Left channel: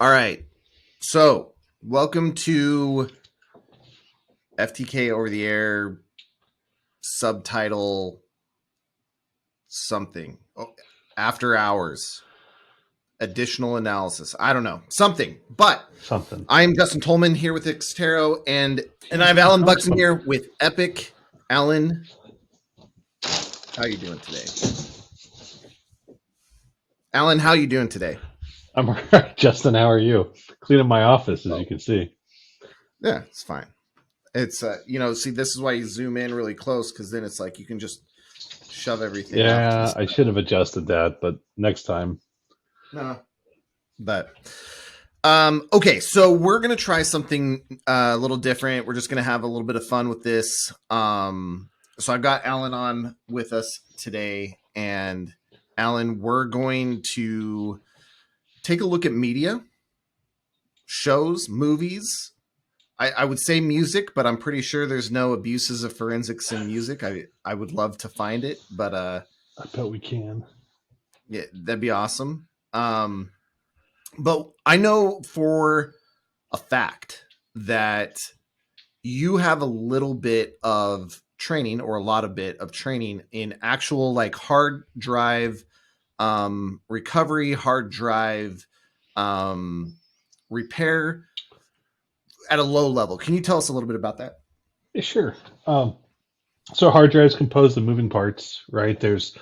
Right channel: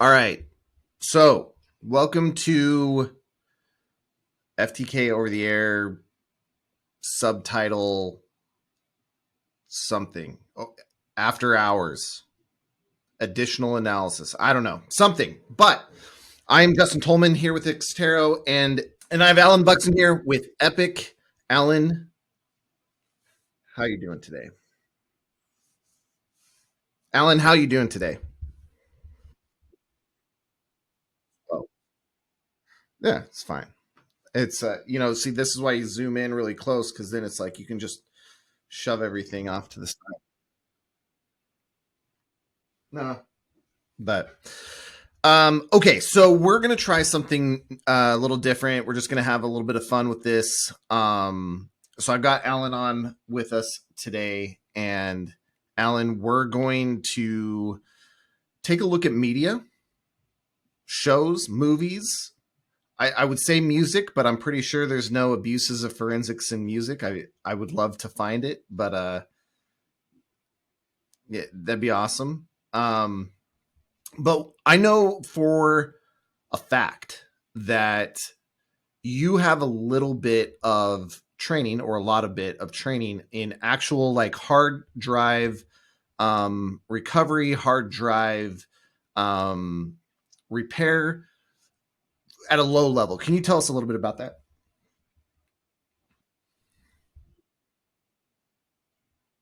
All right. So, welcome to FTK over the air subtitle something. After hours, additional analysis. I don't know. Something. But Something. I am Justin Tolman here with Xtero and I have Allan Buxton here with Epic. Allan, how are you doing today? Allan, how are you doing today? I'm all right. Justin, how are you? Cleaning my office, as you Oh, can see. yeah, it's fine. It's see, this is why you zoom in really close because then it's like you can just shove everything off to the Yeah, side. I should have adjusted that, but next time. No, but okay, so we're gonna try something a little different. We're just gonna have a little bit of fun with this. So I've got Allan on with us today, and Allan, we're going to take a look at media, shows, movies. I would say music, but I'm pretty sure there's no abuses of forensics in music. I would love to find it, but I bet we can. yeah, that'd be awesome. But I know for a fact that you have a little bit of training or a lot of bit of training in actual like hard drive recovery, hard drive um, repair at a low level. Can you tell us a little bit about that? Yeah, sure. Um, so hard drives composed of moving parts, right? There's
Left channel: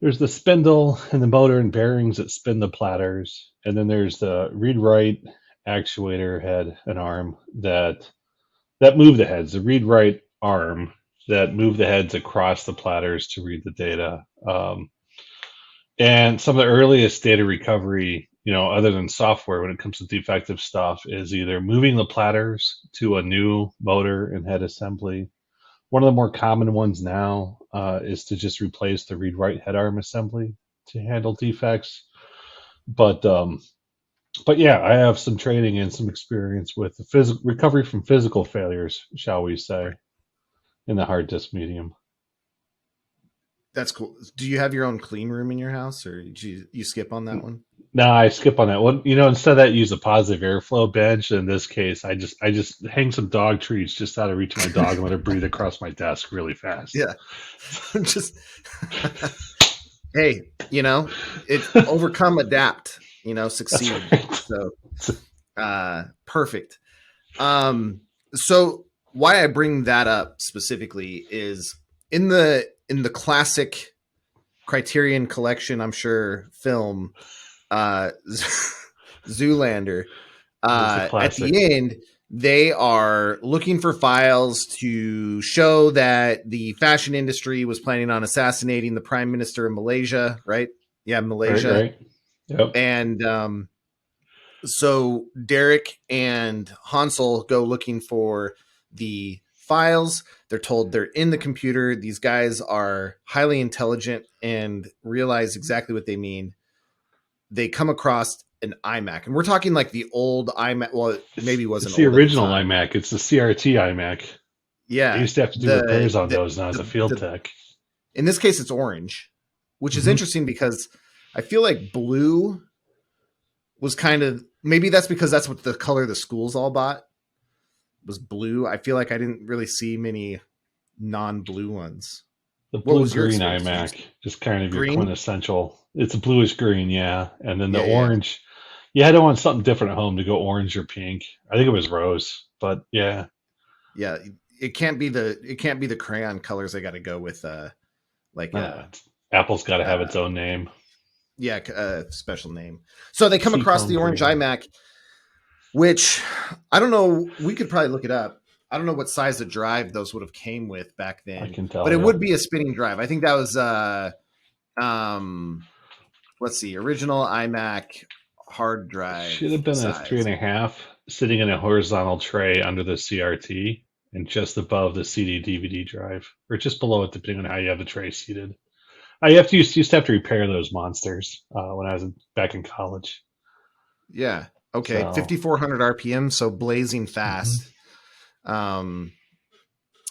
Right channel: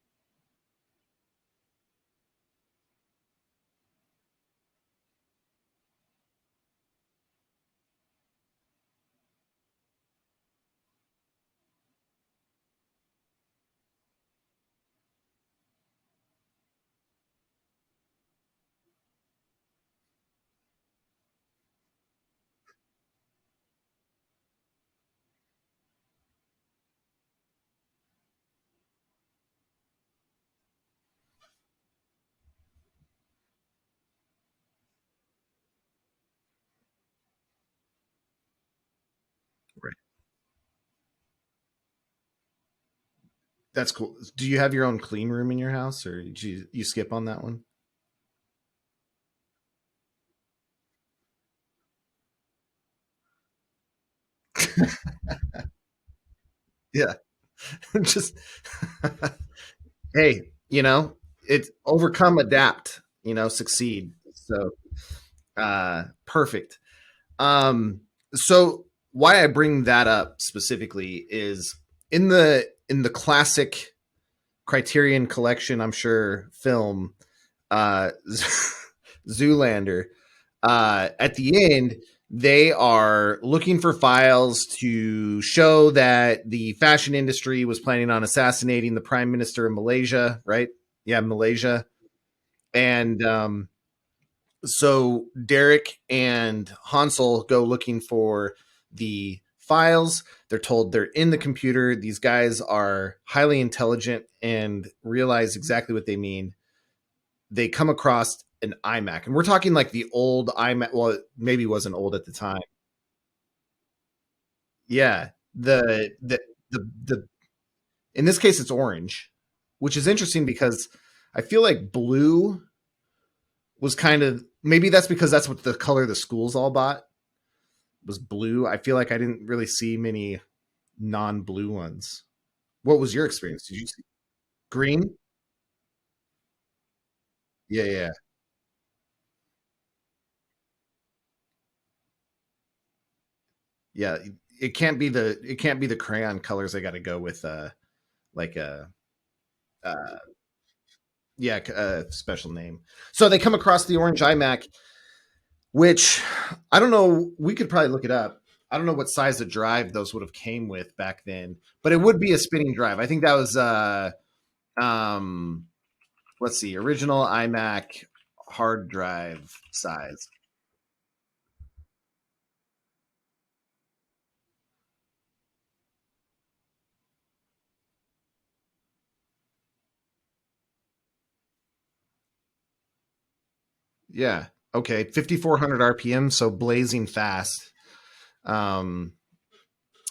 the spindle and the motor and bearings that spin the platters, and then there's the read-write actuator head and arm that move the heads. The read-write arm that move the heads across the platters to read the data. And some of the earliest data recovery, other than software, when it comes to defective stuff, is either moving the platters to a new motor and head assembly. One of the more common ones now is to just replace the read-write head arm assembly to handle defects. But um, but yeah, I have some training and some experience with the recovery from physical failures, shall we say, Right. in the hard disk medium. That's cool. Do you have your own clean room in your house, or did you skip on that one? No, I skip on that one. Instead of that, use a positive airflow bench. In this case, I just hang some dog treats just out of reach of my dog and let her breathe across my desk really fast. Yeah, just hey, it's overcome, adapt, That's succeed. right. So, perfect. So why I bring that up specifically is in the classic Criterion Collection, I'm sure film, uh, Zoolander. It is a At classic. the end, they are looking for files to show that the fashion industry was planning on assassinating the prime minister of Malaysia, right? Yeah, Right, Malaysia. right. Yep. And so Derek and Hansel go looking for the files. They're told they're in the computer. These guys are highly intelligent and realize exactly what they mean. They come across an iMac, and we're talking like the old iMac. Well, it maybe It's wasn't the old at the original time. iMac. It's the CRT iMac. I Yeah, used to have to do the repairs on the those, and I was a the, field the tech. in this case it's orange, which is Hmm. interesting because I feel like blue was kind of, maybe that's because that's what the color the schools all bought was blue. I feel like I didn't really see many non-blue ones. The What blue was your green experience? Did you iMac is kind of your green? quintessential. It's a bluish green, yeah. And then the Yeah, yeah, orange, you had to want something different at home to go orange or pink. I think it was rose, but yeah. yeah. It can't be the crayon colors. I got to go with like a Apple's got to have its uh own name. yeah, a special name. So they come across the Seafoam orange green. iMac, which I don't know. We could probably look it up. I don't know what size of drive those would have came with back I then, can but tell it you. would be a spinning drive. I think that was um let's see, original iMac hard drive Should have been a three size. and a half sitting in a horizontal tray under the CRT and just above the CD DVD drive, or just below it, depending on how you have the tray seated. I have to used to have to repair those monsters when I was back in college. Yeah. Okay. So 5,400 RPM, so blazing mhm. fast. Um,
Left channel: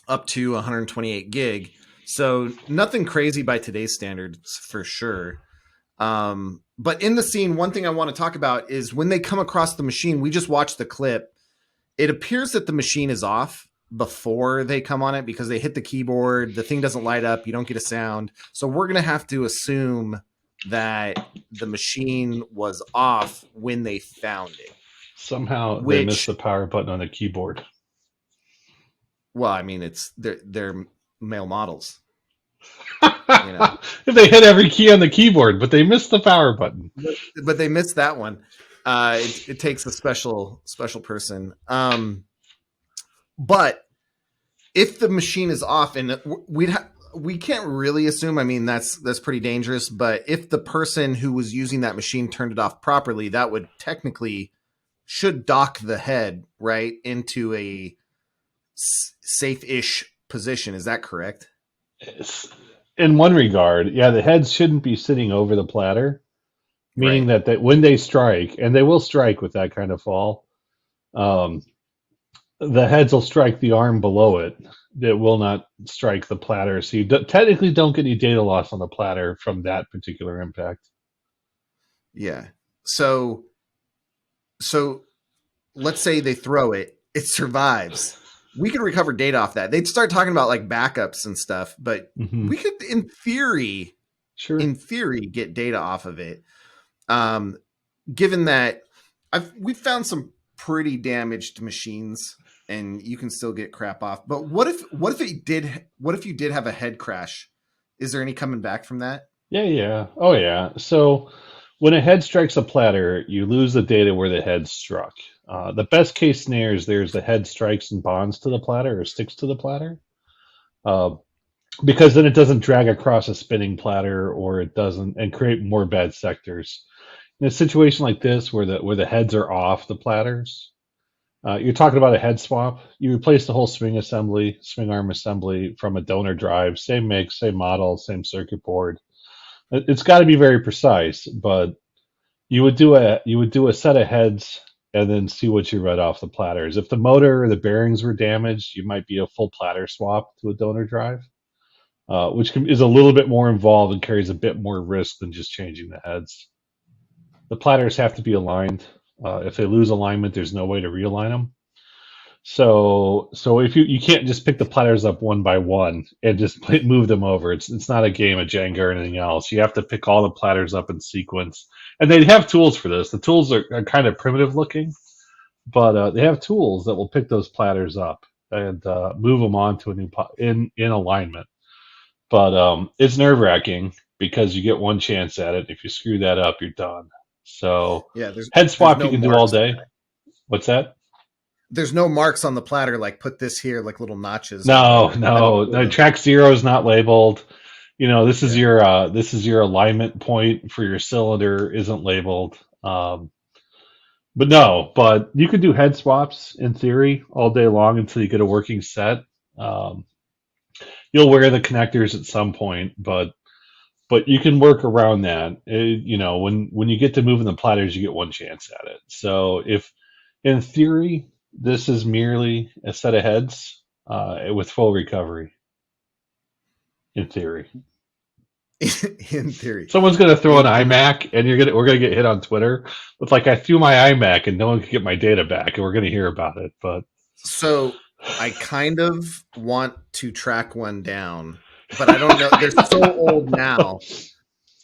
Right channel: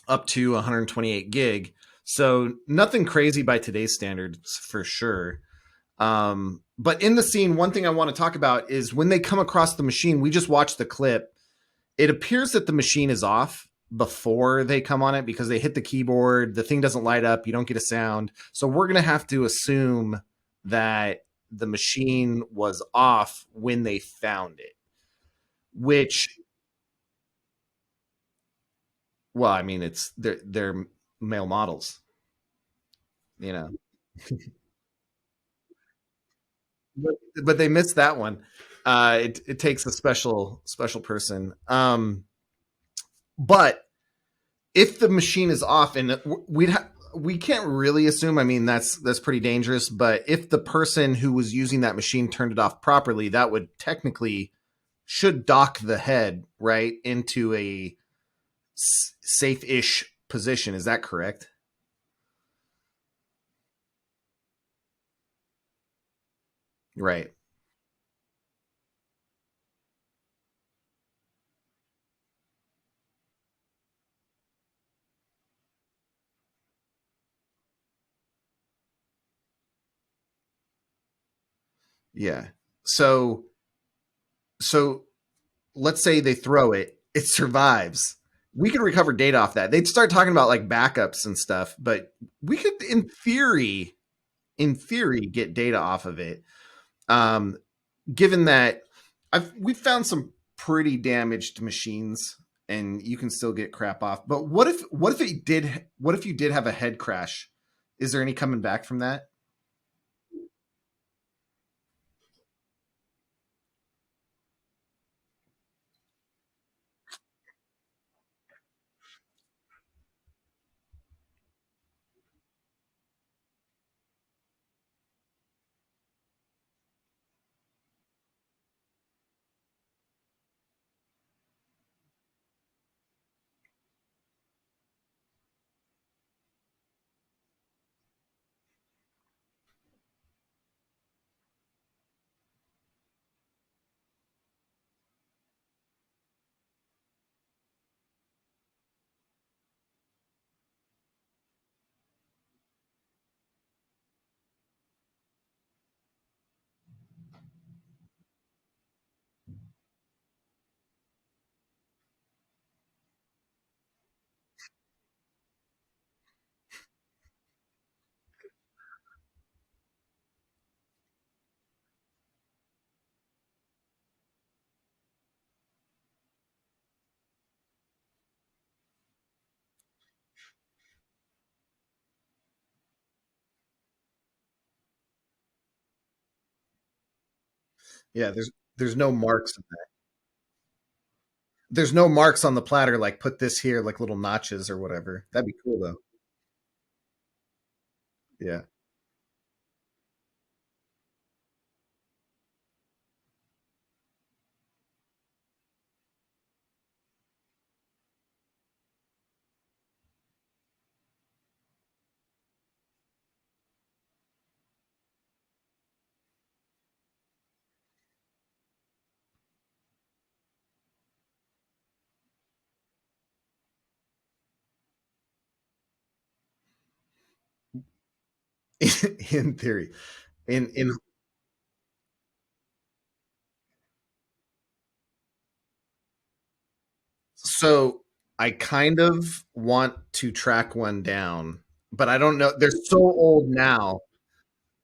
Up to 128 gig. So nothing crazy by today's standards for sure. But in the scene, one thing I want to talk about is when they come across the machine. We just watched the clip. It appears that the machine is off before they come on it because they hit the keyboard. The thing doesn't light up. You don't get a sound. So we're going to have to assume that the machine was off when they found it. Somehow they missed Which, the power button on the keyboard. well, I mean, they're male models, you know. If they hit every key on the keyboard, but they missed the power button. But they missed that one. It takes a special person. But if the machine is off, and we can't really assume. I mean, that's pretty dangerous. But if the person who was using that machine turned it off properly, that would technically should dock the head right into a safe-ish position. Is that correct? In one regard, yeah, the heads shouldn't be sitting over the platter, meaning Right. that when they strike, and they will strike with that kind of fall, um, the heads will strike the arm below it. It will not strike the platter. So you technically don't get any data loss on the platter from that particular impact. Yeah. So let's say they throw it, it survives. We could recover data off that. They'd start talking about like backups and stuff, but we could, Sure. in theory, get data off of it. Given that we've found some pretty damaged machines, and you can still get crap off. But what if you did have a head crash? Is there any coming back from that? Yeah. Oh, yeah. So when a head strikes a platter, you lose the data where the head struck. The best case scenario is the head strikes and bonds to the platter or sticks to the platter, uh, because then it doesn't drag across a spinning platter or it doesn't and create more bad sectors. In a situation like this where the heads are off the platters, you're talking about a head swap. You replace the whole swing arm assembly from a donor drive, same make, same model, same circuit board. It's got to be very precise, but you would do a set of heads and then see what you read off the platters. If the motor or the bearings were damaged, you might be a full platter swap to a donor drive, is a little bit more involved and carries a bit more risk than just changing the heads. The platters have to be aligned. If they lose alignment, there's no way to realign them. So if you can't just pick the platters up one by one and just move them over. It's not a game of Jenga or anything else. You have to pick all the platters up in sequence, and they have tools for this. The tools are kind of primitive looking, but they have tools that will pick those platters up and move them on to a new in alignment. But it's nerve wracking because you get one chance at it. If you screw that up, you're done. So Yeah, head there's swap you no can do all marks. day. What's that? There's no marks on the platter like put this here, like little notches or No, whatever. That'd be no, cool no. though. Track zero is not labeled. Yeah. This is your alignment point for your cylinder isn't labeled. But no, but you could do head swaps in theory all day long until you get a working set. Um, you'll wear the connectors at some point, but you can work around that. When you get to moving the platters, you get one chance at it. So if in theory this is merely a set of heads with full recovery, in theory. In theory. Someone's gonna throw an In iMac, and we're gonna get hit on Twitter with like I threw my iMac and no one could get my data back, and we're gonna hear about it. But So I kind of want to track one down, but I don't know. They're so old now.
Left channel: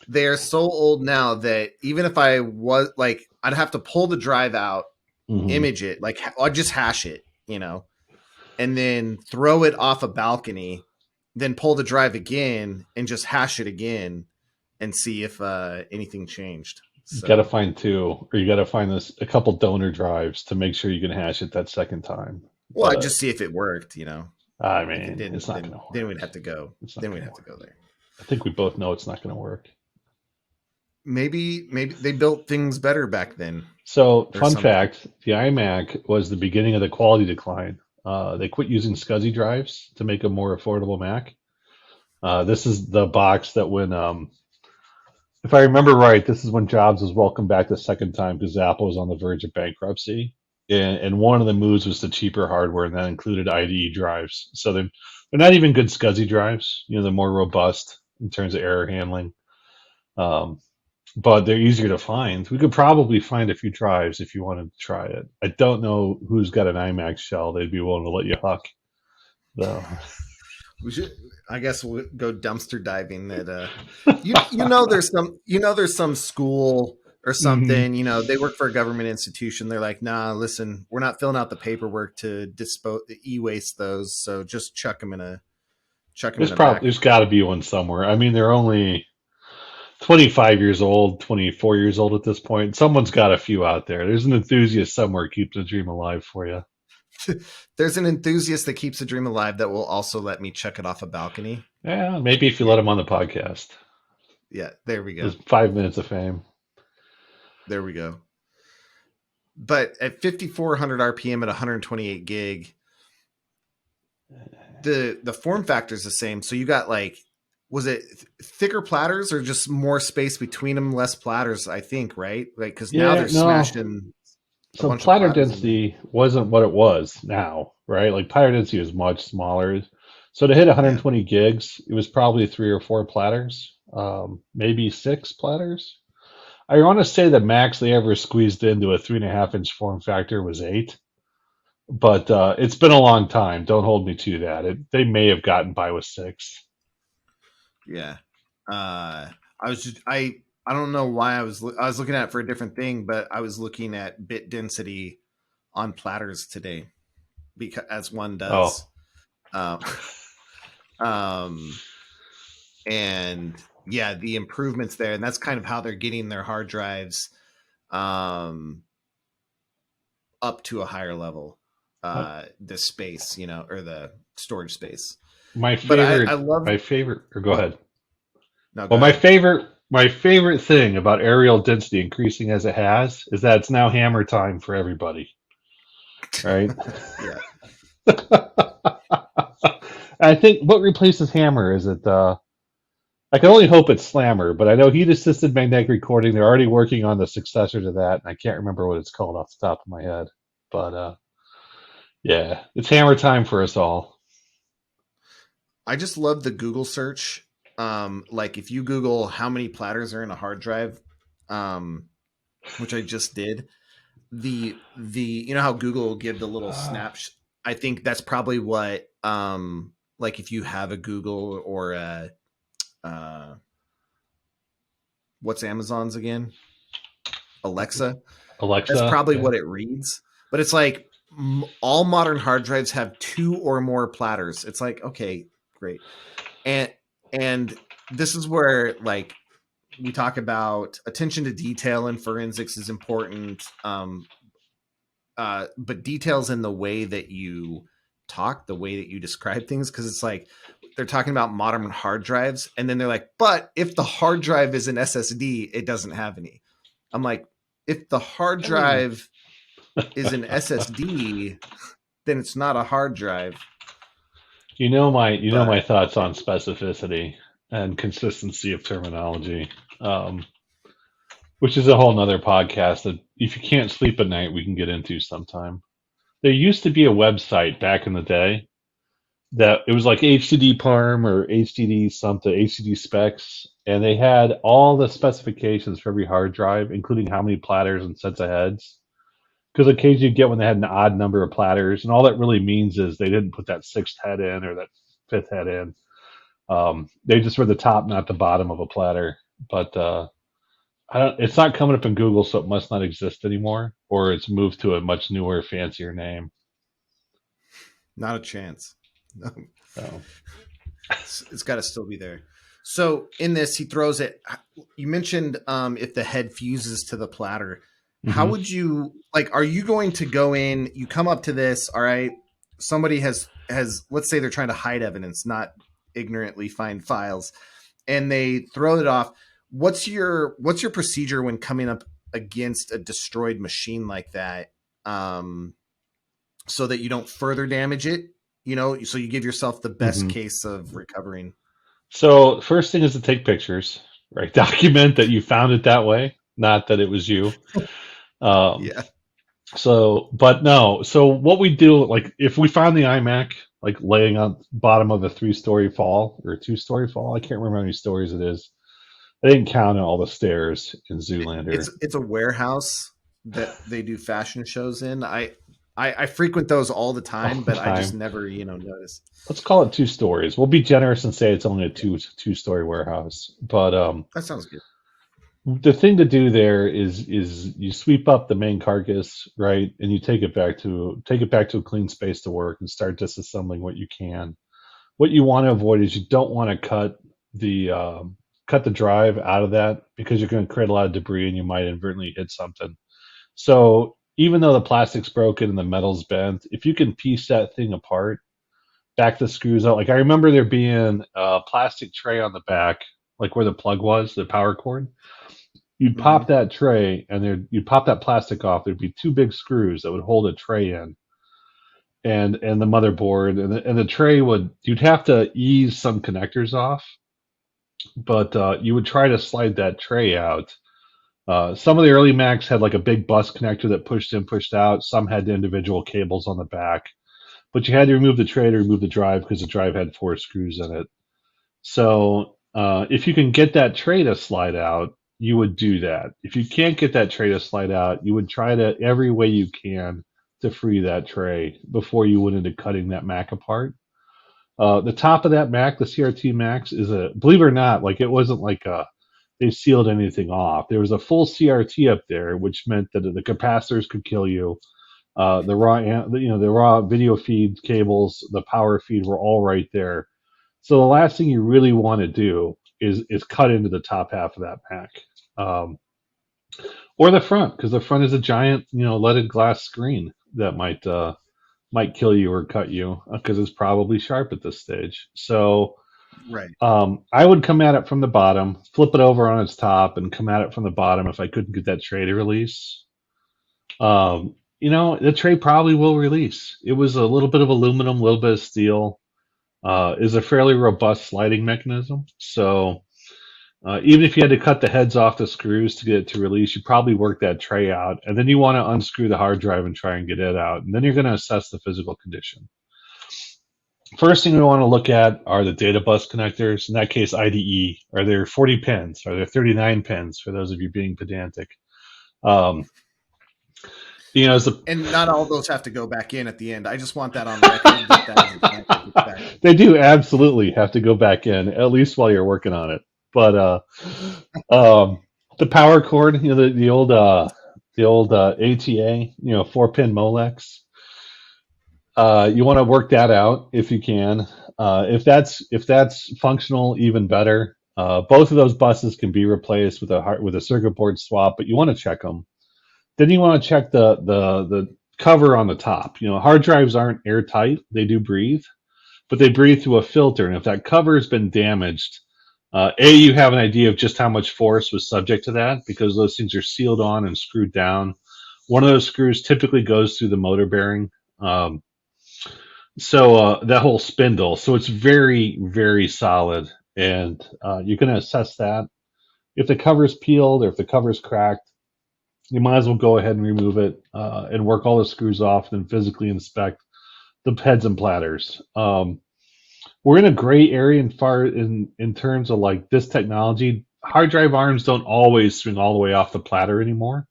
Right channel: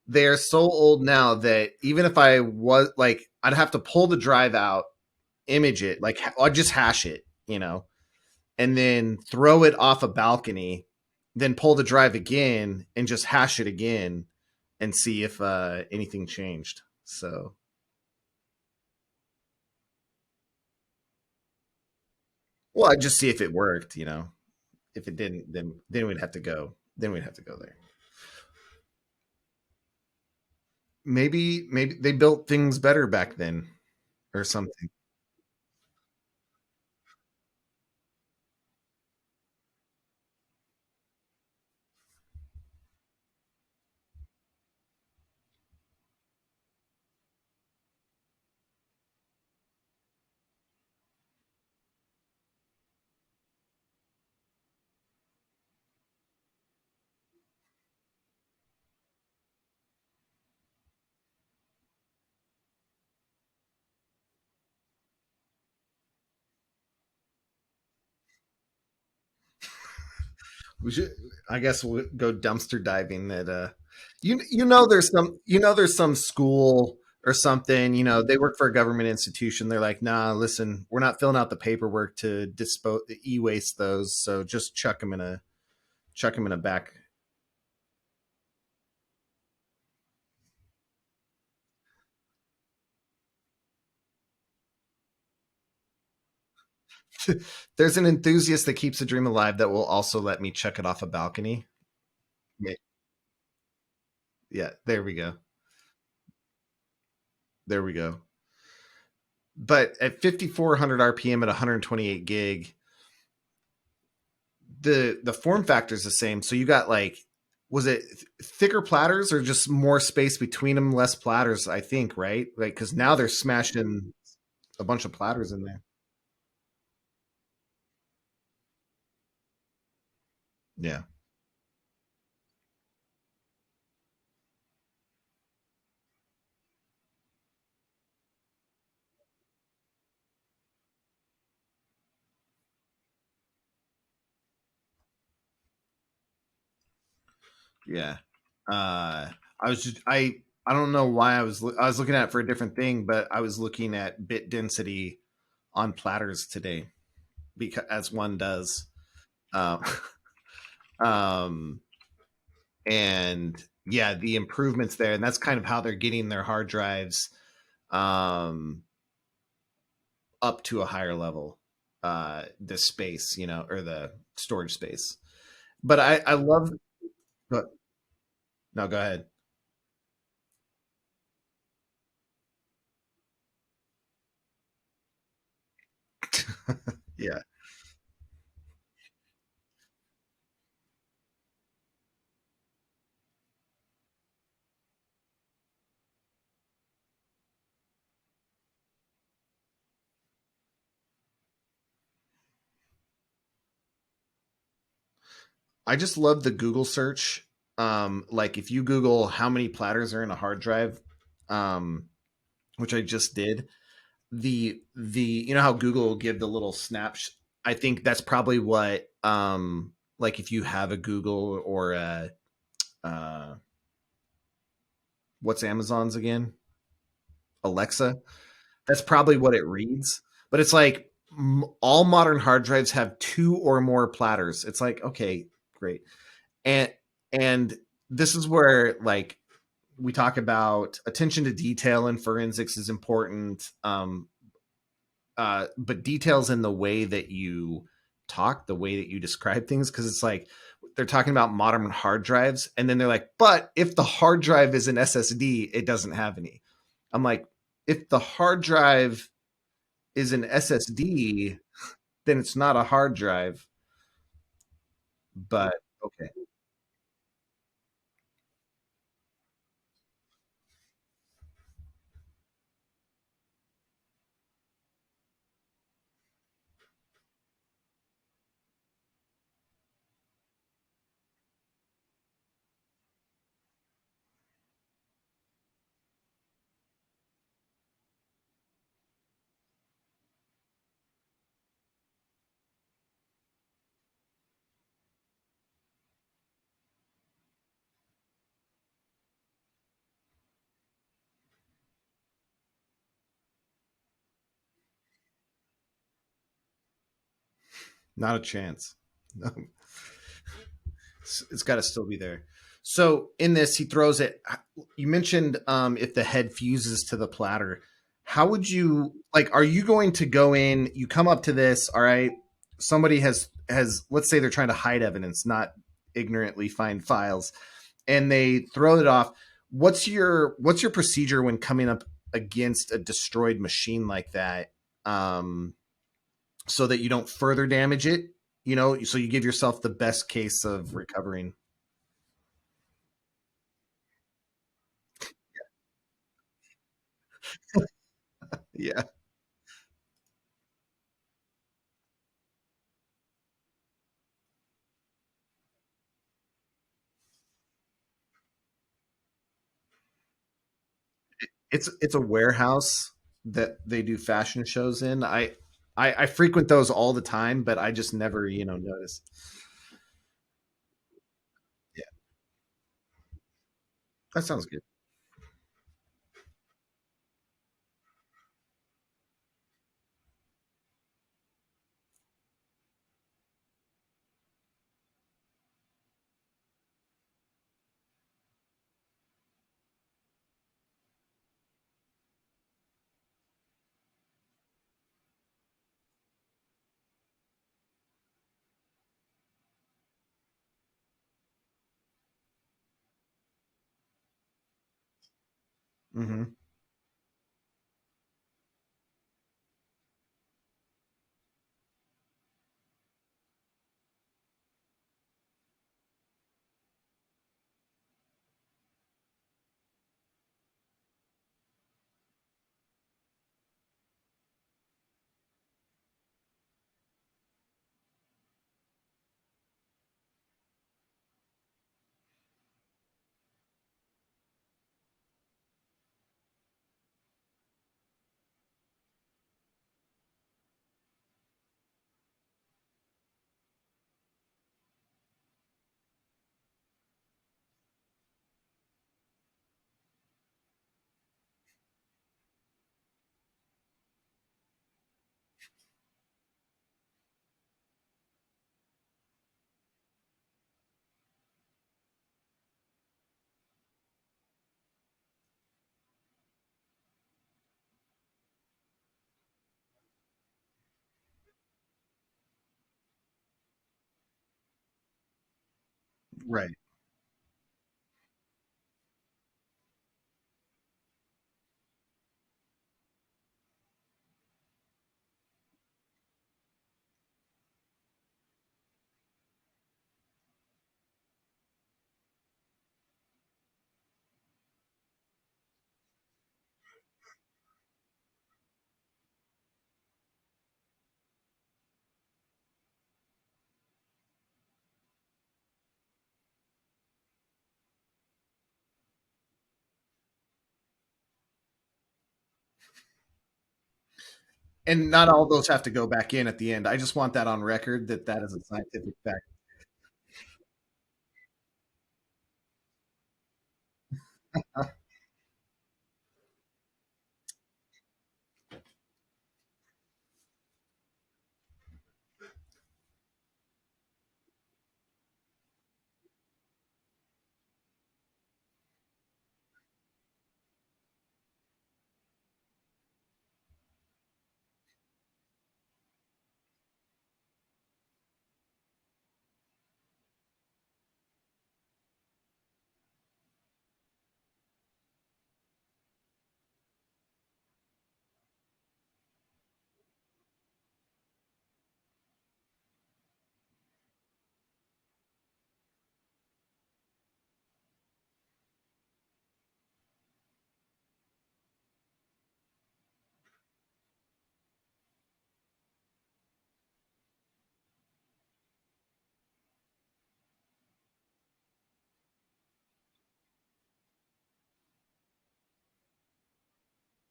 They're so old now that even if I was like, I'd have to pull the drive out, Mhm. image it, like I'd just hash it, and then throw it off a balcony, then pull the drive again and just hash it again and see if anything changed. You gotta So, find two, or you gotta find a couple donor drives to make sure you can hash it that second time. well, I But just see if it worked. I If it mean, didn't, it's not then gonna then work. we'd have to go. It's not Then we'd gonna have to work. go there. I think we both know it's not gonna work. Maybe they built things better back then So, or fun something. fact: the iMac was the beginning of the quality decline. They quit using SCSI drives to make a more affordable Mac. This is the box that when, if I remember right, this is when Jobs was welcomed back the second time because Apple was on the verge of bankruptcy. And one of the moves was to cheaper hardware, and that included IDE drives. So they're not even good SCSI drives. They're more robust in terms of error handling. Um, but they're easier to find. We could probably find a few drives if you wanted to try it. I don't know who's got an iMac shell they'd be willing to let you huck, though. We should, I guess we'll go dumpster diving at there's some school or Hmm. something, they work for a government institution. They're like, nah, listen, we're not filling out the paperwork to dispose e-waste those, so just chuck them in a back. There's got to be one somewhere. I mean, they're only 25 years old, 24 years old at this point. Someone's got a few out there. There's an enthusiast somewhere keeping the dream alive for you. There's an enthusiast that keeps a dream alive that will also let me chuck it off a balcony. Yeah, maybe if you Yeah, let them on the podcast. yeah, there we go. Just 5 minutes of fame. There we go. But at 5400 RPM at 128 gig, the form factor is the same. So you got like, was it thicker platters or just more space between them, less platters? I think, right? Like, because now Yeah, they're no. smashing a So bunch of platter platters in there. density wasn't what it was now, right? Like platter density is much smaller. So to hit Yeah, 120 gigs, it was probably 3 or 4 platters, maybe 6 platters. I want to say the max they ever squeezed into a 3.5 inch form factor was 8, but it's been a long time. Don't hold me to that. They may have gotten by with 6. yeah. I was just I don't know why I was looking at it for a different thing, but I was looking at bit density on platters today because as one Oh, does. Um, um, and yeah, the improvements there, and that's kind of how they're getting their hard drives um, up to a higher level, uh, the space, or the storage space. my But I, favorite, I love my favorite, or go what? ahead. No, go Well, ahead. my favorite thing about aerial density increasing as it has is that it's now hammer time for everybody, right? Yeah, I think what replaces hammer is it? I can only hope it's slammer, but I know heat assisted magnetic recording. They're already working on the successor to that, and I can't remember what it's called off the top of my head. But yeah, it's hammer time for us all. I just love the Google search. Like if you Google how many platters are in a hard drive, um, which I just did, the how Google will give the little snaps. I think that's probably what like if you have a Google or a uh what's Amazon's again? Alexa. That's Alexa, probably yeah. what it reads. But it's like all modern hard drives have two or more platters. It's like, okay, great. And and this is where like we talk about attention to detail and forensics is important. But details in the way that you talk, the way that you describe things, because it's like they're talking about modern hard drives, and then they're like, but if the hard drive is an SSD, it doesn't have any. I'm like, if the hard Oh. drive is an SSD, then it's not a hard drive. You know my But thoughts okay, on specificity and consistency of terminology, um, which is a whole nother podcast that if you can't sleep at night, we can get into sometime. There used to be a website back in the day that it was like HDD Parm or HDD something, HDD specs, and they had all the specifications for every hard drive, including how many platters and sets of heads. Because occasionally you get when they had an odd number of platters, and all that really means is they didn't put that sixth head in or that fifth head in. They just were the top, not the bottom of a platter. But I don't. It's not coming up in Google, so it must not exist anymore, or it's moved to a much newer, fancier name. not a chance. So, It's got to still be there. So in this, he throws it. You mentioned if the head fuses to the platter. How hmm would you like? Are you going to go in? You come up to this. All right. Somebody has. Let's say they're trying to hide evidence, not ignorantly find files, and they throw it off. What's your procedure when coming up against a destroyed machine like that? So that you don't further damage it. So you give yourself the best hmm case of recovering. So first thing is to take pictures, right? Document that you found it that way, not that it was you. Um, Yeah. but no. So what we do, like if we find the iMac, like laying on bottom of a 3-story fall or a 2-story fall, I can't remember how many stories it is. I didn't count all the stairs in Zoolander. It's a warehouse that they do fashion shows in. I frequent those all the All time, the but I just time. never notice. Let's call it 2 stories. We'll be generous and say it's only a Yeah, two-story warehouse. But that sounds good. the thing to do there is you sweep up the main carcass, right, and you take it back to a clean space to work and start disassembling what you can. What you want to avoid is you don't want to cut the drive out of that because you're going to create a lot of debris and you might inadvertently hit something. So even though the plastic's broken and the metal's bent, if you can piece that thing apart, back the screws out. Like I remember there being a plastic tray on the back, like where the plug was, the power cord. You'd Hmm. pop that tray and you'd pop that plastic off. There'd be two big screws that would hold a tray in and the motherboard and the tray would you'd have to ease some connectors off, but you would try to slide that tray out. Some of the early Macs had like a big bus connector that pushed in, pushed out. Some had the individual cables on the back, but you had to remove the tray to remove the drive because the drive had 4 screws in it. So if you can get that tray to slide out, you would do that. If you can't get that tray to slide out, you would try to every way you can to free that tray before you went into cutting that Mac apart. The top of that Mac, the CRT Max, is a believe it or not, like it wasn't like they sealed anything off. There was a full CRT up there, which meant that the capacitors could kill you. The raw video feed cables, the power feed were all right there. So the last thing you really want to do is cut into the top half of that Mac, um, or the front, because the front is a giant, leaded glass screen that might kill you or cut you because it's probably sharp at this stage. So Right. I would come at it from the bottom, flip it over on its top, and come at it from the bottom if I couldn't get that tray to release. The tray probably will release. It was a little bit of aluminum, a little bit of steel. Is a fairly robust sliding mechanism. So even if you had to cut the heads off the screws to get it to release, you probably work that tray out, and then you want to unscrew the hard drive and try and get it out, and then you're going to assess the physical condition. First thing we want to look at are the data bus connectors. In that case, IDE. Are there 40 pins? Are there 39 pins? For those of you being pedantic, um, as the And not all those have to go back in at the end. I just want that on record that is a scientific fact. they do absolutely have to go back in at least while you're working on it. But um, the power cord, the old ATA, 4-pin Molex. You want to work that out if you can. If that's functional, even better. Both of those buses can be replaced with a circuit board swap, but you want to check them. Then you want to check the cover on the top. Hard drives aren't airtight; they do breathe, but they breathe through a filter. And if that cover has been damaged, you have an idea of just how much force was subject to that because those things are sealed on and screwed down. One of those screws typically goes through the motor bearing. Um, so that whole spindle, so it's very, very solid, and you're going to assess that. If the cover's peeled or if the cover's cracked, you might as well go ahead and remove it and work all the screws off, and then physically inspect the heads and platters. We're in a gray area in terms of like this technology. Hard drive arms don't always swing all the way off the platter anymore,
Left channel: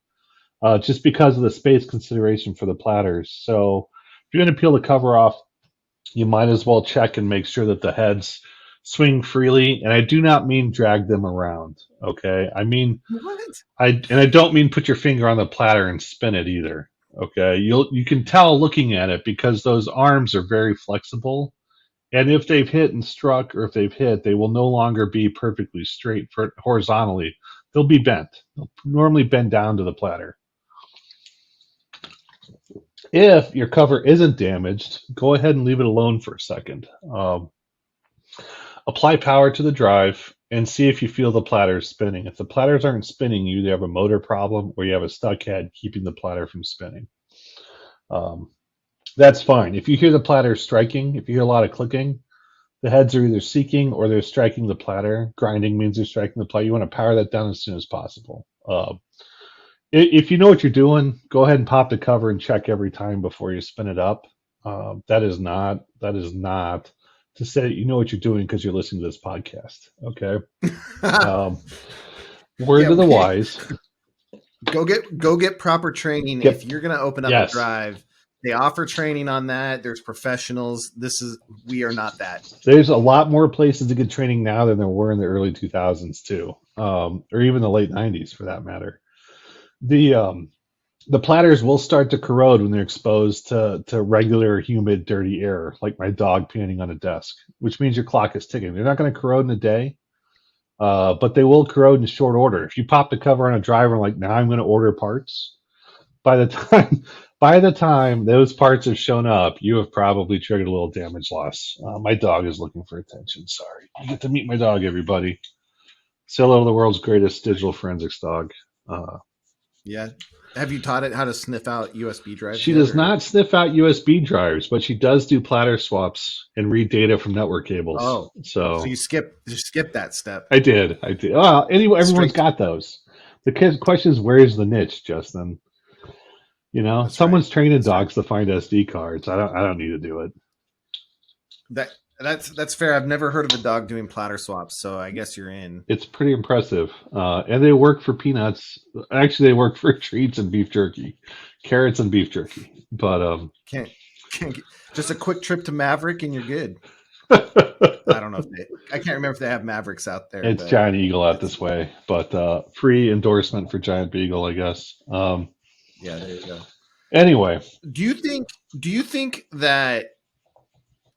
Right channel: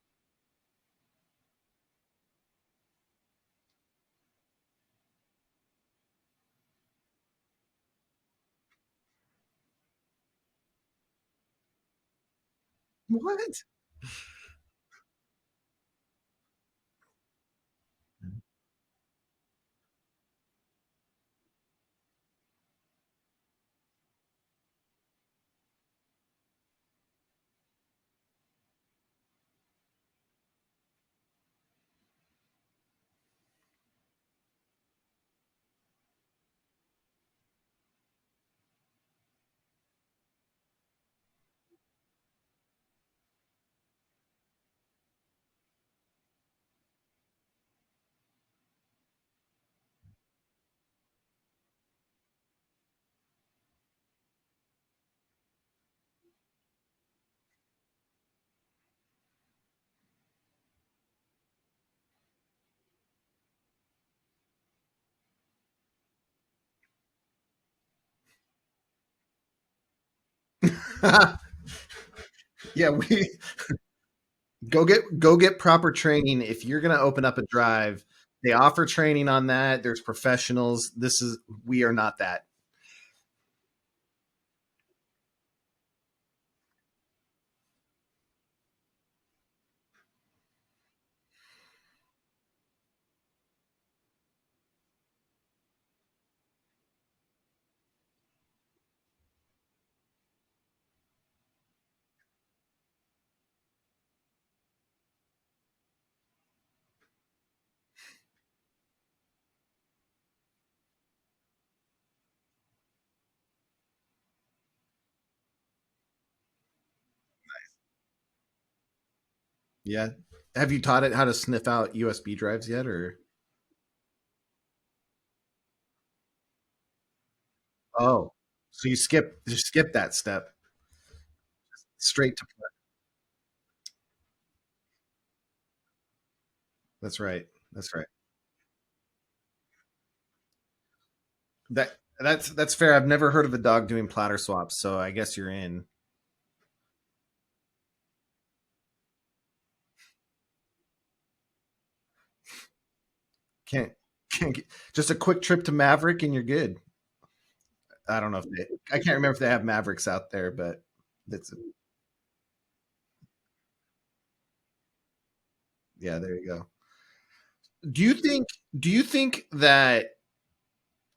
just because of the space consideration for the platters. So if you're going to peel the cover off, you might as well check and make sure that the heads swing freely. And I do not mean drag them around. Okay, I mean What? I don't mean put your finger on the platter and spin it either. Okay, you can tell looking at it because those arms are very flexible, and if they've hit and struck, or if they've hit, they will no longer be perfectly straight horizontally. They'll be bent. They'll normally bend down to the platter. If your cover isn't damaged, go ahead and leave it alone for a second. Apply power to the drive and see if you feel the platters spinning. If the platters aren't spinning, you either have a motor problem or you have a stuck head keeping the platter from spinning. Um, that's fine. If you hear the platter striking, if you hear a lot of clicking, the heads are either seeking or they're striking the platter. Grinding means they're striking the platter. You want to power that down as soon as possible. If you know what you're doing, go ahead and pop the cover and check every time before you spin it up. That is not to say you know what you're doing because you're listening to this podcast. Okay. Um, word Yeah, to the wise. go get proper training. Get If you're going to open up a yes. drive, they offer training on that. There's professionals. We are not that. There's a lot more places to get training now than there were in the early 2000s too, or even the late 90s for that matter. The platters will start to corrode when they're exposed to regular, humid, dirty air, like my dog panting on a desk, which means your clock is ticking. They're not going to corrode in a day, but they will corrode in short order. If you pop the cover on a driver like now I'm going to order parts, by the time by the time those parts have shown up, you have probably triggered a little damage loss. My dog is looking for attention. Sorry, you get to meet my dog, everybody. Solo, the world's greatest digital forensics dog. Yeah. Have you taught it how to sniff out USB drives She yet? does Or? not sniff out USB drives, but she does do platter swaps and read data from network cables. Oh, so So you skip that step. I did. Well, anyway, everyone's Straight. got those. The question is, where's the niche, Justin? You know, That's someone's right. training That's dogs to find SD cards. I don't need to do it. That's fair. I've never heard of a dog doing platter swaps, so I guess you're in. It's pretty impressive, and they work for peanuts. Actually, they work for treats and beef jerky, carrots and beef jerky. But Can't just a quick trip to Maverick and you're good. I don't know if I can't remember if they have Mavericks out there. It's But Giant Eagle out this way, but free endorsement for Giant Beagle, I guess. Yeah, there you go. Anyway, Do you think that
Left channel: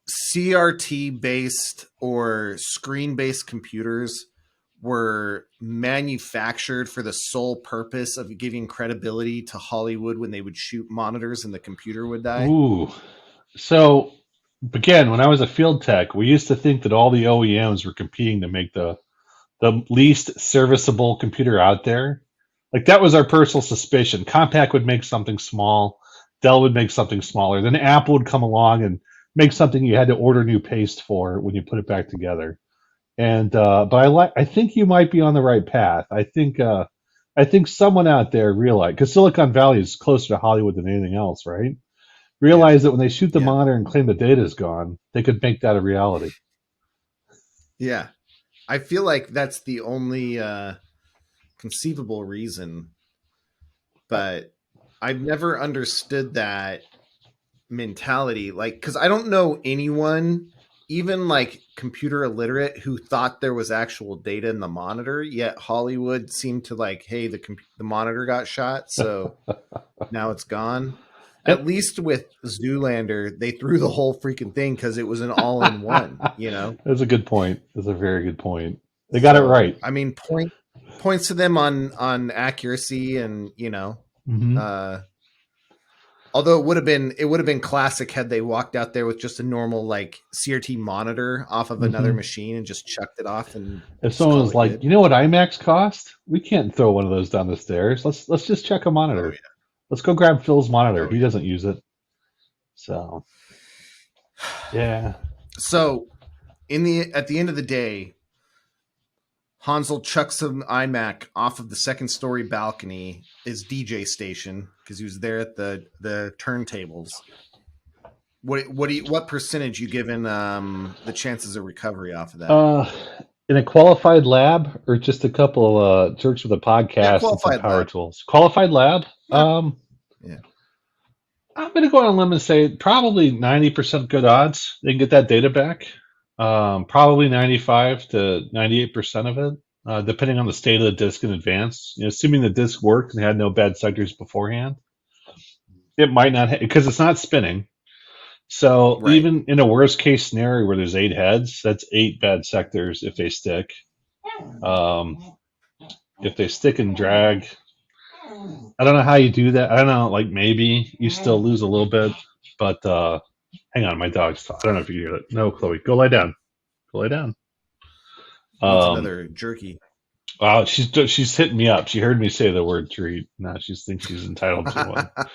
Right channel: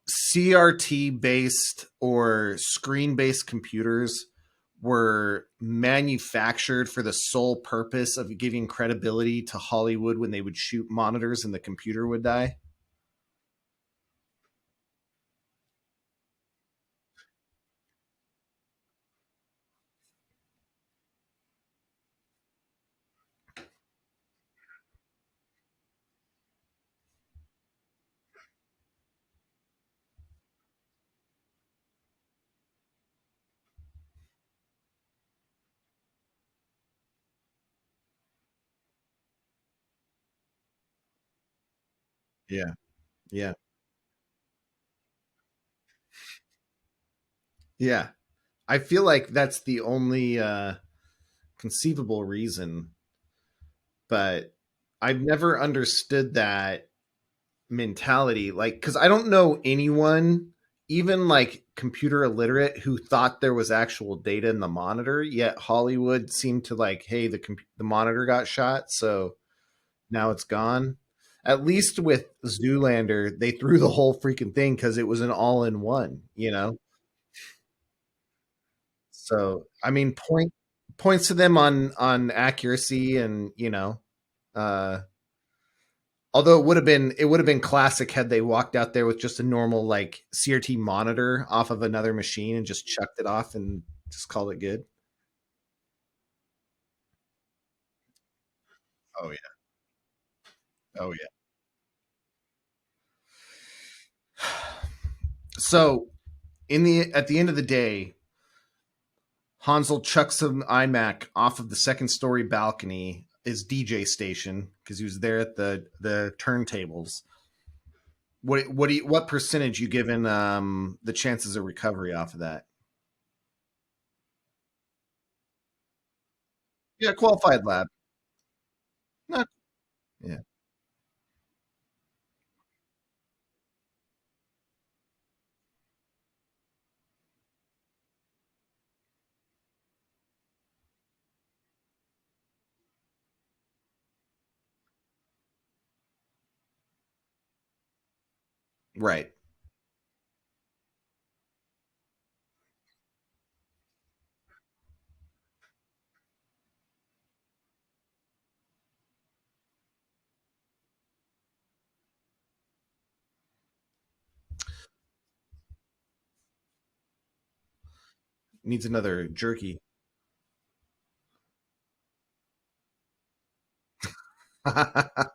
CRT based or screen based computers were manufactured for the sole purpose of giving credibility to Hollywood when they would shoot monitors and the computer would die? ooh, so again, when I was a field tech, we used to think that all the OEMs were competing to make the least serviceable computer out there. Like that was our personal suspicion. Compaq would make something small, Dell would make something smaller, then Apple would come along and make something you had to order new paste for when you put it back together. And but I think you might be on the right path. I think someone out there realized because Silicon Valley is closer to Hollywood than anything else, right? Yeah, Realized that when they shoot the yeah, monitor and claim the data is gone, they could make that a reality. yeah. I feel like that's the only conceivable reason, but I've never understood that mentality. Like, because I don't know anyone, even like computer illiterate, who thought there was actual data in the monitor. Yet Hollywood seemed to like, hey, the monitor got shot, so now it's gone. At Yep. least with Zoolander, they threw the whole freaking thing because it was an all-in-one. That's a good point. That's a very good point. They got it So right. I mean, points to them on accuracy and Hmm. uh, although it would have been classic had they walked out there with just a normal like CRT monitor off of another Hmm. machine and just chucked it off and If just someone call was it like, good. you know what iMacs cost? We can't throw one of those down the stairs. Let's just check a Oh monitor. Let's go grab Phil's yeah, monitor. oh He yeah. doesn't use it. So yeah. So at the end of the day, Hansel chucks an iMac off of the second story balcony, his DJ station, because he was there at the turntables. What percentage you given the chances of recovery off of that? Uh in a qualified lab or just a couple of jerks with a Yeah, podcast and some qualified power lab. tools? Qualified lab? Yeah, yeah. I'm going to go on a limb and say probably 90% good odds they can get that data back. Probably 95 to 98% of it, depending on the state of the disk in advance. You know, assuming the disk worked and had no bad sectors beforehand, it might not because it's not spinning. So Right. even in a worst case scenario where there's 8 heads, that's 8 bad sectors if they stick. Um, if they stick and drag, I don't know how you do that. I don't know, like maybe you still lose a little bit, but hang on, my dog's. I don't know if you hear it. No, Chloe, go lie down. Go lie down. Needs Um, another jerky. wow, she's hitting me up. She heard me say the word treat. Now she thinks she's entitled to one.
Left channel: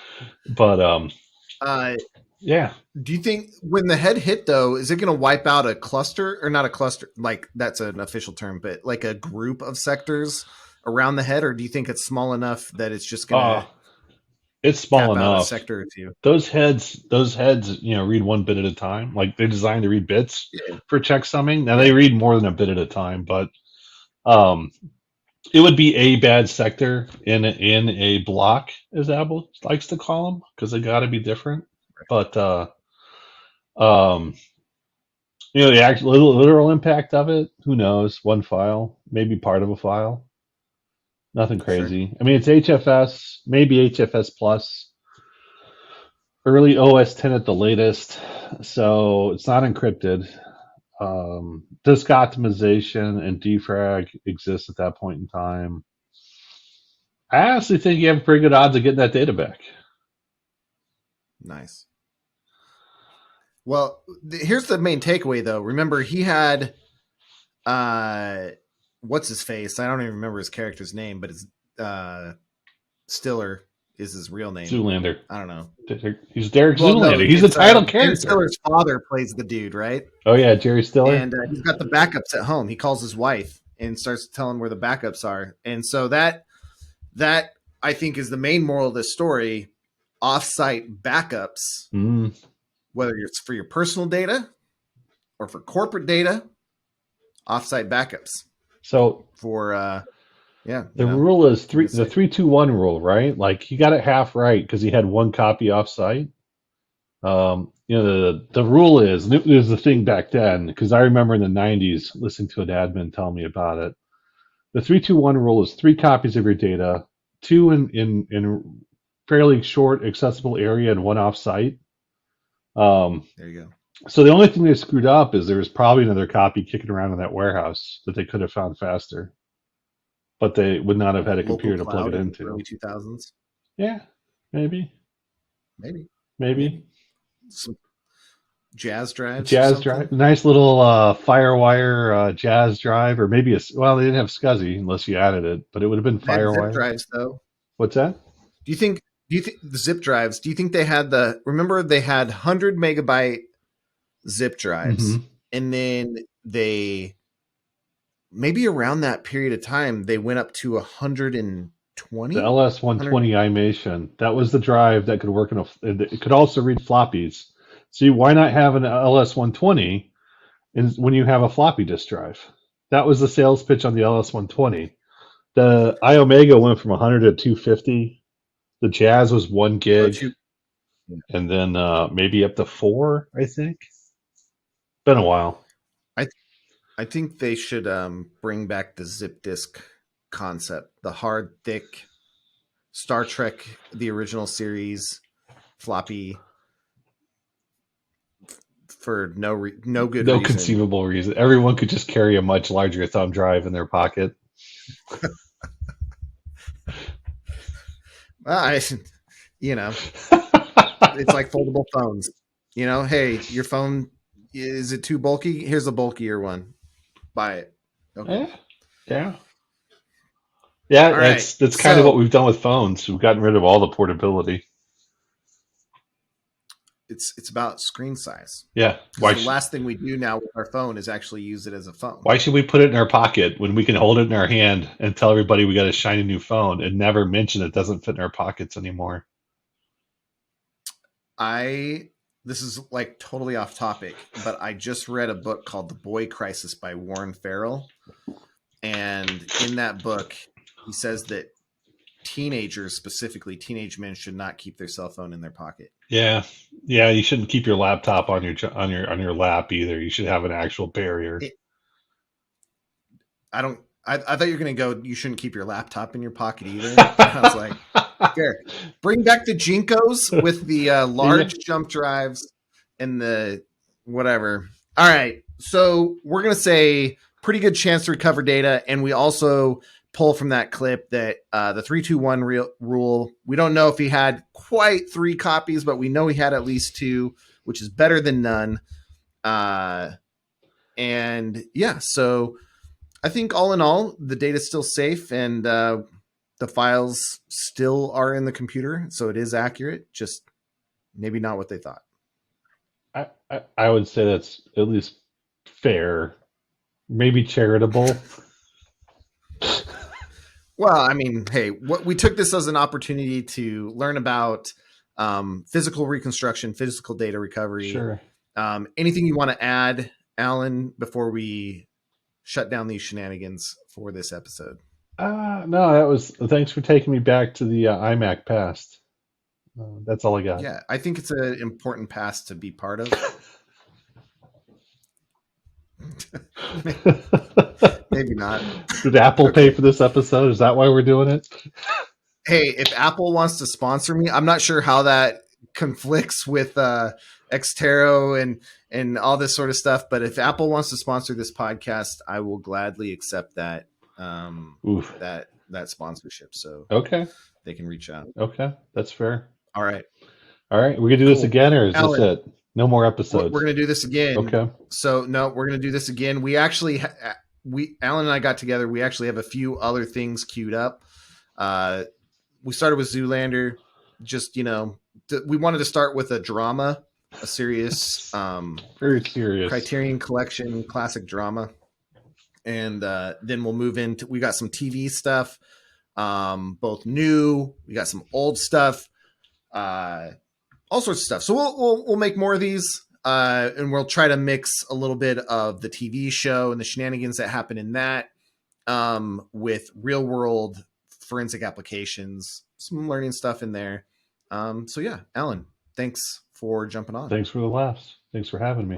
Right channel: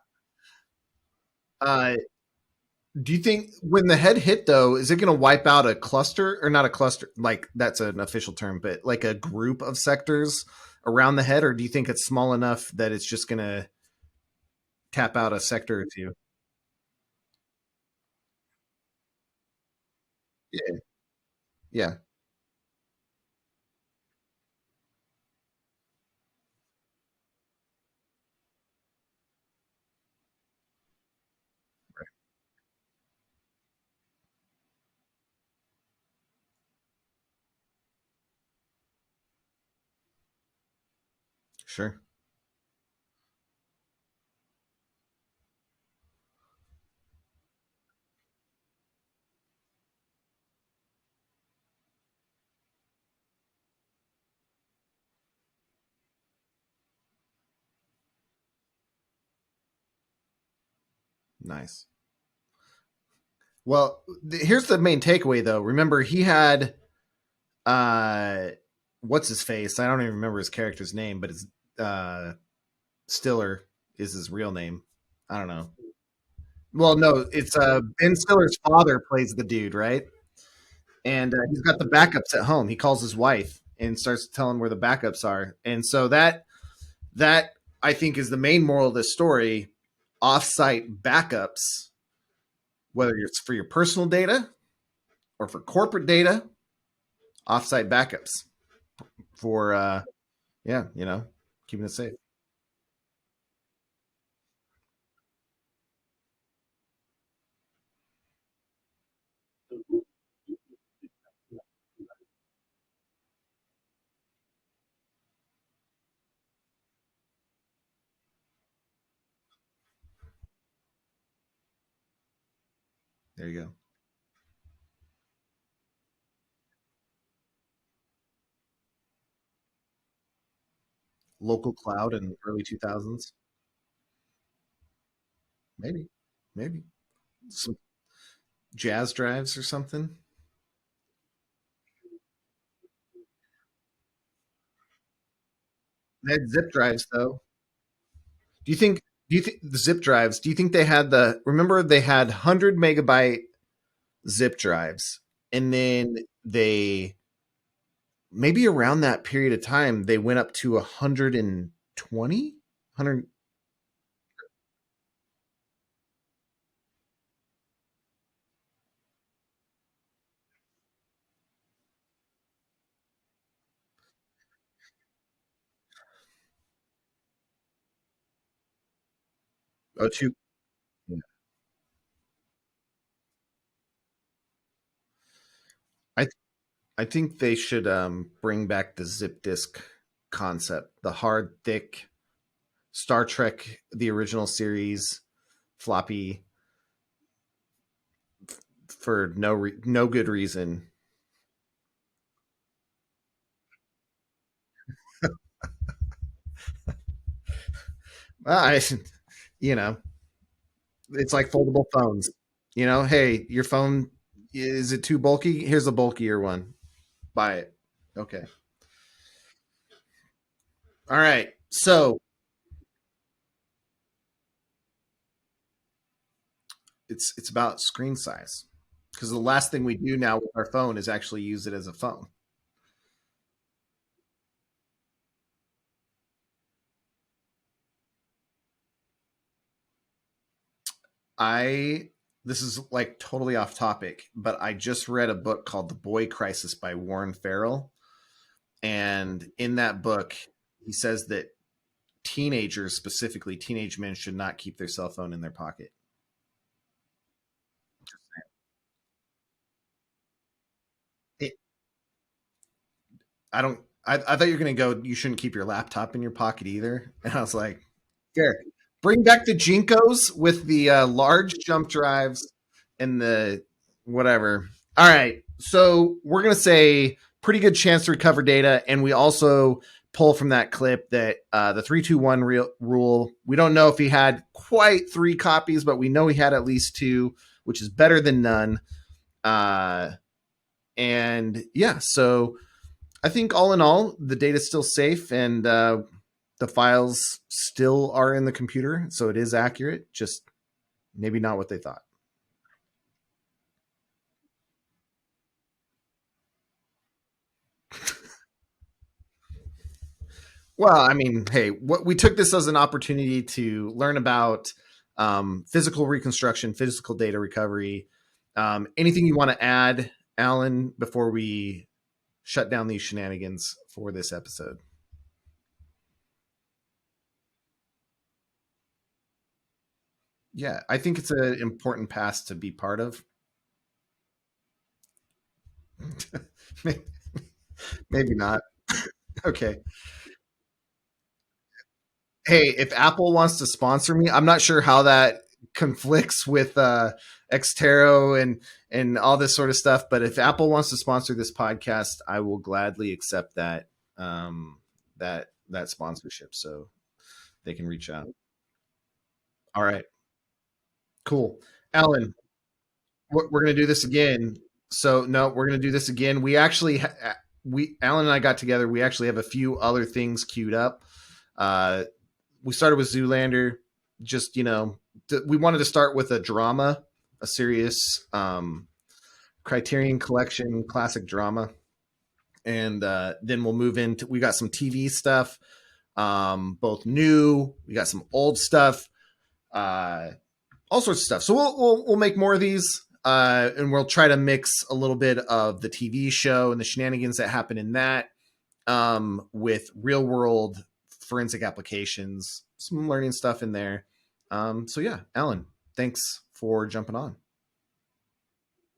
But uh, yeah. do you think when the head hit though, is it going to wipe out a cluster or not a cluster? Like that's an official term, but like a group of sectors around the head, or do you think it's small enough that it's just going Uh, to it's small Cap out a enough. sector or two. Those heads, read one bit at a time. Like they're designed to read bits Yeah. for checksumming. Now they Yeah. read more than a bit at a time, but um, it would be a bad sector in a block, as Apple likes to call them, because they got to be different. But um, the actual literal impact of it, who knows? One file, maybe part of a file. Nothing Sure. crazy. I mean, it's HFS, maybe HFS plus, early OS 10 at the latest, so it's not encrypted. Disk optimization and defrag exists at that point in time. I honestly think you have pretty good odds of getting that data back. Nice. Well, here's the main takeaway, though. Remember, he had what's his face? I don't even remember his character's name, but it's Stiller is his real name. Zoolander. I don't know. He's Derek Well, no, Zoolander. He's the it's title Ben character. Stiller's father plays the dude, right? Oh yeah, Jerry Stiller. And he's got the backups at home. He calls his wife and starts telling where the backups are. And so that I think is the main moral of this story. Offsite backups, whether it's for your personal data or for corporate data, offsite backups. So for the rule is the 3-2-1 rule, right? Like he got it half right because he had one copy offsite. The rule is, and it was the thing back then, because I remember in the 90s listening to an admin tell me about it. The 3-2-1 rule is 3 copies of your data, 2 in fairly short accessible area and 1 offsite. There you go. So the only thing they screwed up is there was probably another copy kicking around in that warehouse that they could have found faster, but they would not have had a Local computer to cloud plug it in into. early 2000s. Yeah, maybe. Some jazz drives. Jazz drive, nice little FireWire jazz drive, or maybe they didn't have SCSI unless you added it, but it would have been FireWire. Zip drives, though. What's that? Do you think the zip drives? Do you think they had remember they had 100 MB zip drives, and then they maybe around that period of time they went up to 120. The LS120 iMation, that was the drive that could work it could also read floppies. See, why not have an LS120 when you have a floppy disk drive? That was the sales pitch on the LS120. The iOmega went from 100 to 250. The Jazz was 1 gig, and then maybe up to 4, I think. Been a while. I think they should bring back the zip disk concept, the hard, thick Star Trek, the original series floppy, for no good reason. No conceivable reason. Everyone could just carry a much larger thumb drive in their pocket. It's like foldable phones. Hey, your phone, is it too bulky? Here's a bulkier one. Buy it. Okay. Yeah. All right. That's kind of what we've done with phones. We've gotten rid of all the portability. It's about screen size. Yeah. Because the last thing we do now with our phone is actually use it as a phone. Why should we put it in our pocket when we can hold it in our hand and tell everybody we got a shiny new phone and never mention it doesn't fit in our pockets anymore? This is like totally off topic, but I just read a book called The Boy Crisis by Warren Farrell. And in that book, he says that teenagers, specifically teenage men, should not keep their cell phone in their pocket. Yeah. You shouldn't keep your laptop on your lap either. You should have an actual barrier. I thought you were going to go, you shouldn't keep your laptop in your pocket either. And I was like, fair. Bring back the Jinkos with the large jump drives and the whatever. All right. So we're going to say pretty good chance to recover data. And we also pull from that clip that the 3-2-1 rule, we don't know if he had quite 3 copies, but we know he had at least 2, which is better than none. And yeah, so I think all in all, the data is still safe and the files still are in the computer. So it is accurate, just maybe not what they thought. I would say that's at least fair, maybe charitable. Well, I mean, hey, what we took this as an opportunity to learn about physical reconstruction, physical data recovery. Sure. Anything you want to add, Alan, before we shut down these shenanigans for this episode? No, that was. Thanks for taking me back to the iMac past. That's all I got. Yeah, I think it's an important past to be part of. Maybe not. Did Apple pay Okay. for this episode? Is that why we're doing it? Hey, if Apple wants to sponsor me, I'm not sure how that conflicts with Xtero and all this sort of stuff. But if Apple wants to sponsor this podcast, I will gladly accept that Oof. that sponsorship. So Okay. they can reach out. Okay. That's fair. All right, All right. We gonna do this cool. again, or is this Alan, it? No more episodes. we're gonna do this again. Okay. So no, we're gonna do this again. We actually Alan and I got together. We actually have a few other things queued up. We started with Zoolander. Just we wanted to start with a drama, a serious Very serious. Criterion Collection classic drama, and then we'll move into. We got some TV stuff, both new. We got some old stuff, all sorts of stuff. So we'll make more of these, and we'll try to mix a little bit of the TV show and the shenanigans that happen in that, with real world forensic applications, some learning stuff in there. So yeah, Alan, thanks for jumping on. Thanks for the laughs. Thanks for having me.